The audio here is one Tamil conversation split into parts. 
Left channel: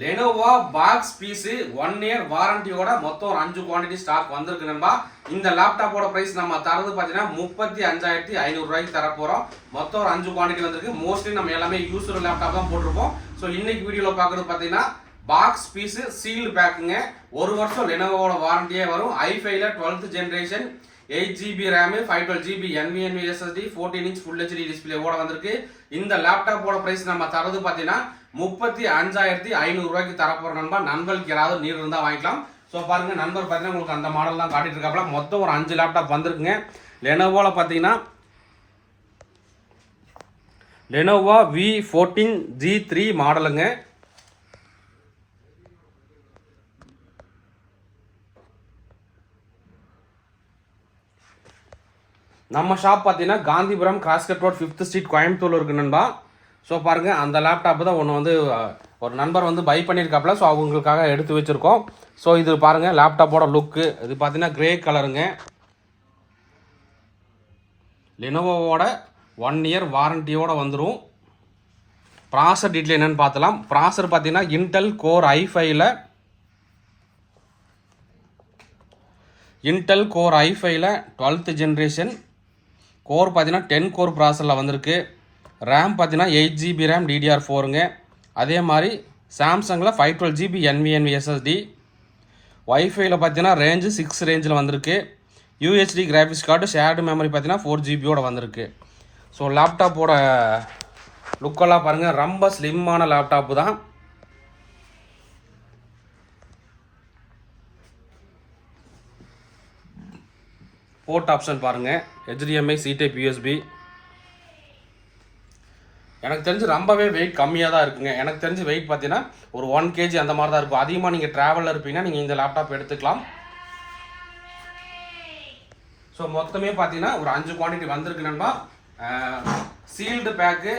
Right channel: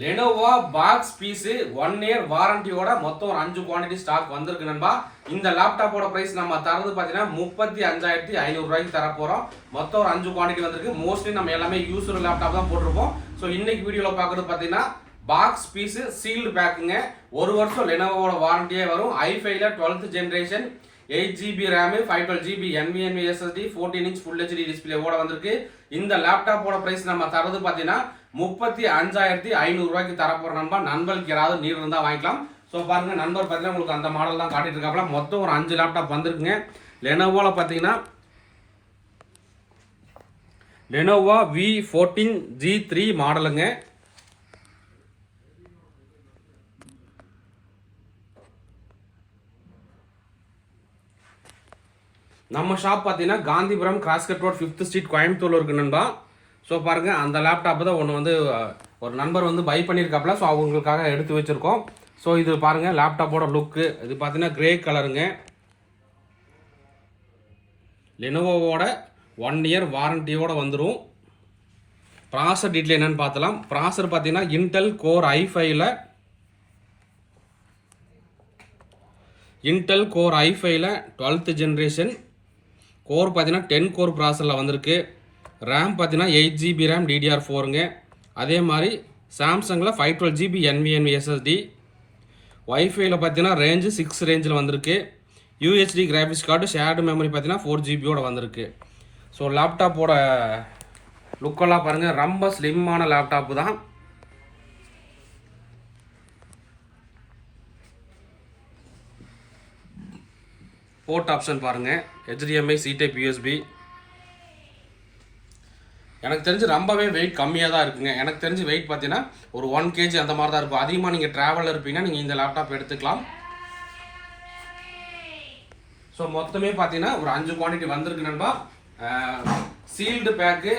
லெனோவா பாக்ஸ் பீஸ் 1 இயர் வாரண்டியோட மொத்தம் ஒரு 5 குவான்டிட்டி ஸ்டாக் வந்திருக்கு நண்பா. இந்த லேப்டாப்போட பிரைஸ் நம்ம தரது பார்த்தீங்கன்னா 35,500 ரூபாய்க்கு தர போறோம். மொத்தம் ஒரு 5 குவான்டிட்டி வந்திருக்கு. மோஸ்ட்லி நம்ம எல்லாமே யூஸ்டு லேப்டாப் தான் போட்டிருப்போம். ஸோ இன்னைக்கு வீடியோவில் பார்க்குறது பார்த்தீங்கன்னா பாக்ஸ் பீஸ் சீல்டு பேக்குங்க. ஒரு வருஷம் லெனோவோட வாரண்டியே வரும். i5ல 12th generation 8GB RAM 512GB NVMe SSD 14 inch Full HD display ஓட வந்திருக்கு. இந்த லேப்டாப்போட பிரைஸ் நம்ம தரது பார்த்தீங்கன்னா 35,500 ரூபாய்க்கு தரப்போற நண்பா. நண்பர்களுக்கு யாராவது நீர் இருந்தா வாங்கிக்கலாம். ஸோ பாருங்க நண்பர் பார்த்தீங்கன்னா உங்களுக்கு அந்த மாடல் தான் காட்டிட்டு இருக்காப்ல. மொத்தம் ஒரு 5 லேப்டாப் வந்திருக்குங்க. லெனோவோல பார்த்தீங்கன்னா லெனோவா V14G3 மாடலுங்க. நம்ம ஷாப் பார்த்தீங்கன்னா Gandhipuram cross cut road 5th street கோயம்புத்தூர்ல இருக்கு நண்பா. ஸோ பாருங்க அந்த லேப்டாப் தான் ஒன்று வந்து ஒரு நண்பர் வந்து பை பண்ணியிருக்காப்புல. ஸோ அவங்களுக்காக எடுத்து வச்சிருக்கோம். ஸோ இது பாருங்க லேப்டாப்போட லுக்கு. இது பார்த்தீங்கன்னா கிரே கலருங்க. லெனோவோட 1 இயர் வாரண்டியோட வந்துடும். ப்ராசர் டீட்டெயில் என்னன்னு பார்த்தலாம். ப்ராசர் பார்த்தீங்கன்னா இன்டெல் கோர் i5ல இன்டெல் கோர் i5ல 12th ஜென்ரேஷன் கோர் பார்த்தீங்கன்னா 10 கோர் ப்ராசரில் வந்திருக்கு. ரேம் பார்த்தீங்கன்னா 8GB RAM DDR4ங்க. அதே மாதிரி சாம்சங்கில் 512GB NVMe SSD. வைஃபைல பார்த்தீங்கன்னா ரேஞ்சு 6 ரேஞ்சில் வந்திருக்கு. UHD graphics card shared memory பார்த்தீங்கன்னா 4GBயோட வந்திருக்கு. ஸோ லேப்டாப்போட லுக்கெல்லாம் பாருங்கள், ரொம்ப ஸ்லிம்மான லேப்டாப்பு தான். போர்ட் ஆப்ஷன் பாருங்கள், HDMI C type USB. எனக்கு தெரிஞ்சு ரொம்பவே வெயிட் கம்மியாக தான் இருக்குங்க. எனக்கு தெரிஞ்சு வெயிட் பார்த்தீங்கன்னா ஒரு 1 kg அந்த மாதிரி தான் இருக்கும். அதிகமாக நீங்கள் ட்ராவலில் இருப்பீங்கன்னா நீங்கள் இந்த லேப்டாப் எடுத்துக்கலாம். ஸோ மொத்தமே பார்த்தீங்கன்னா ஒரு 5 குவான்டிட்டி வந்திருக்கு நண்பா. சீல்டு பேக்கு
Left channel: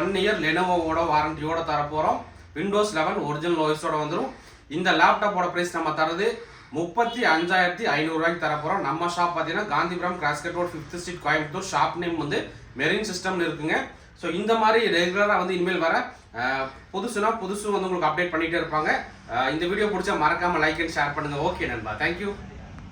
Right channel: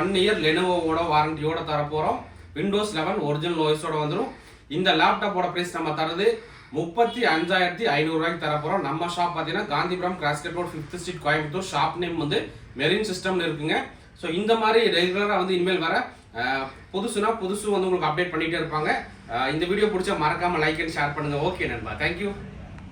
1 இயர் லெனோவோட வாரண்டியோட தரப்போகிறோம். விண்டோஸ் 11 ஒரிஜினல் ஓஎஸோட வந்துடும். இந்த லேப்டாப்போட ப்ரைஸ் நம்ம தரது 35,500 ரூபாய்க்கு தரப்போகிறோம். நம்ம ஷாப் பார்த்தீங்கன்னா Gandhipuram cross cut road 5th street Coimbatore. Shop name வந்து மெரின் சிஸ்டம்னு இருக்குங்க. ஸோ இந்த மாதிரி ரெகுலராக வந்து இனிமேல் வர புதுசு வந்து உங்களுக்கு அப்டேட் பண்ணிகிட்டே இருப்பாங்க. இந்த வீடியோ பிடிச்சா மறக்காமல் லைக் அண்ட் ஷேர் பண்ணுங்கள். ஓகே நண்பா, தேங்க்யூ.